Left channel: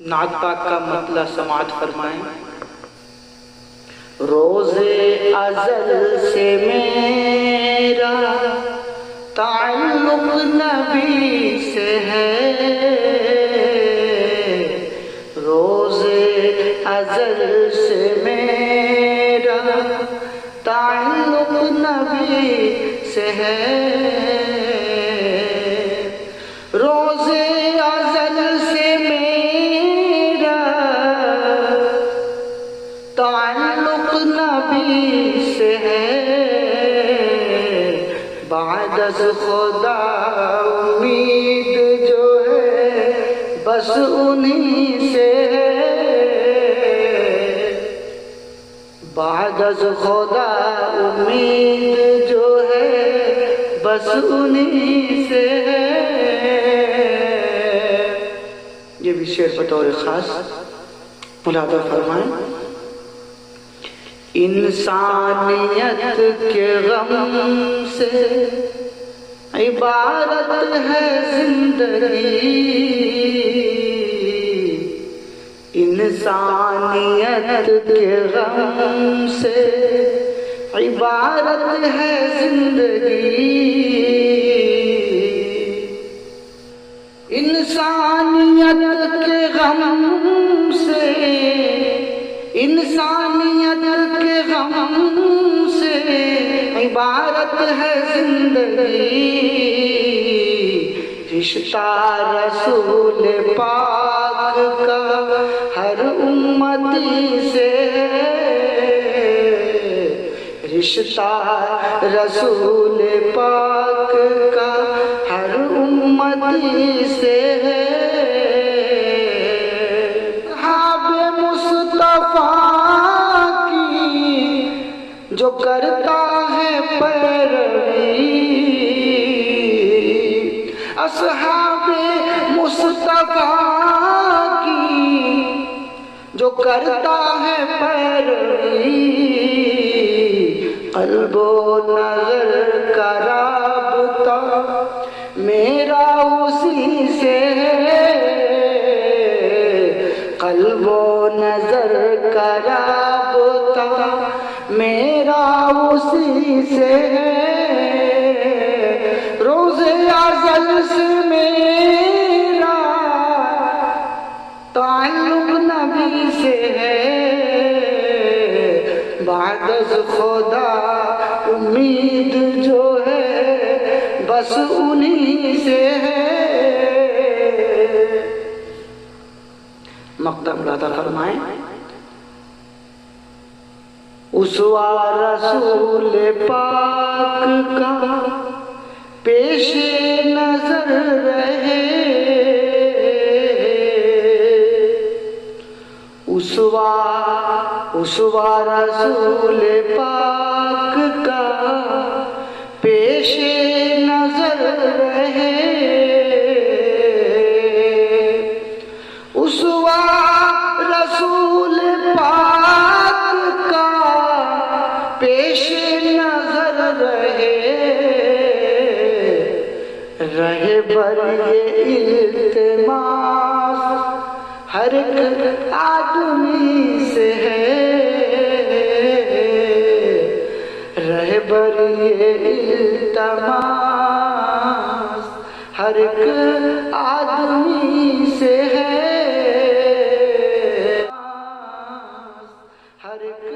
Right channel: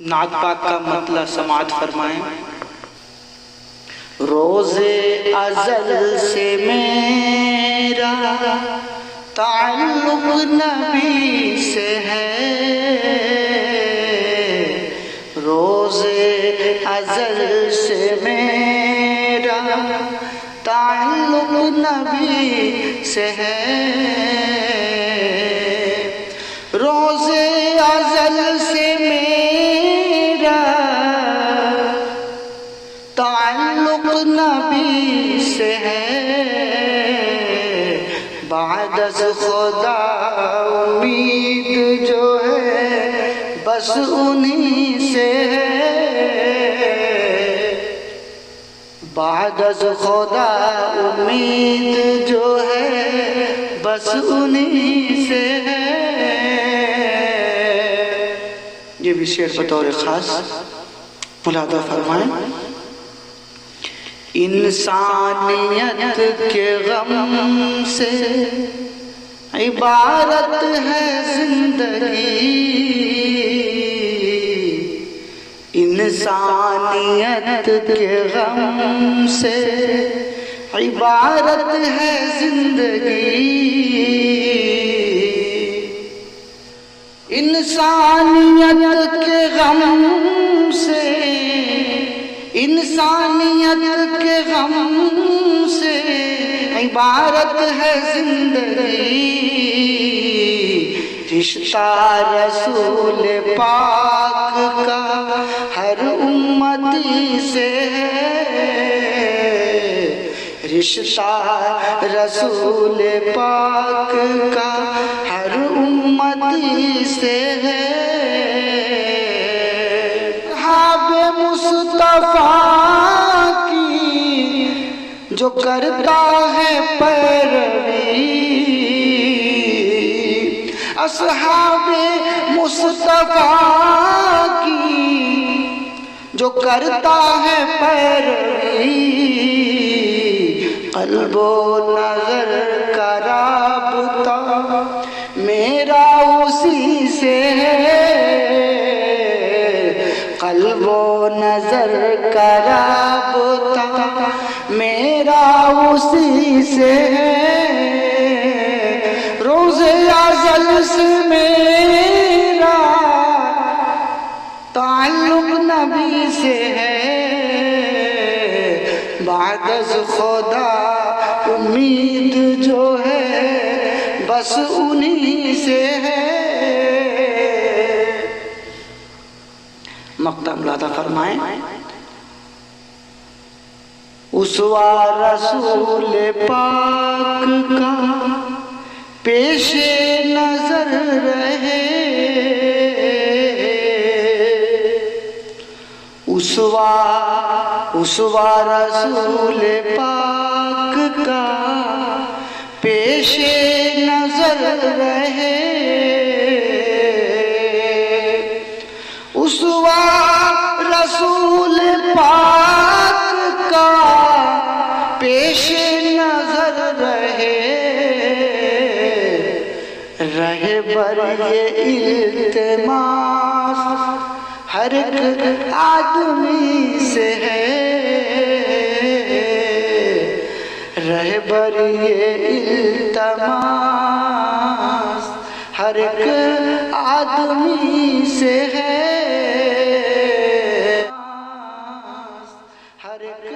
नात पाक का मतलब समात फरमाएं। रोज़े अज़ल से मेरा ताल्लुक़ नबी से है, रोज़े अज़ल से मेरा ताल्लुक़ नबी से है। रोज़े अज़ल से मेरा ताल्लुक़ नबी से है, बाद अज़ खुदा उम्मीद जो है बस उन्हीं से है, बाद अज़ खुदा उम्मीद जो है बस उन्हीं से है। ये भी शेर बतौर खास मुलादा फरमाएं। इंसानियत के गम से इबारत है जिंदगी, इंसानियत के गम से इबारत है जिंदगी, इंसानियत के गम से, इंसानियत के गम से इबारत है जिंदगी। रिश्ता रसूल पाक का हर उम्मती से है, रिश्ता रसूल पाक का हर उम्मती से है। जो करता है पैरवी, असहाबे मुस्तफा की जो करता है पैरवी, क़ल्बो नज़र का राबता मेरा उसी से है, क़ल्बो नज़र का राबता मेरा उसी से है। रोज़े अज़ल से मेरा ताल्लुक़ नबी से है, बाद अज़ खुदा उम्मीद जो है बस उन्हीं से है। मक़ता मुलादा फरमाएं। उसवा रसूल पाक का पेशे नजर रहे, उसवा रसूल पाक का पेशे नजर रहे, उसवा रसूल पाक का पेशे नजर रहे, रहे बर ये इल्तिमास हर एक आदमी से है, रहे बर ये इल्तिमास हर एक आदमी से है, हर एक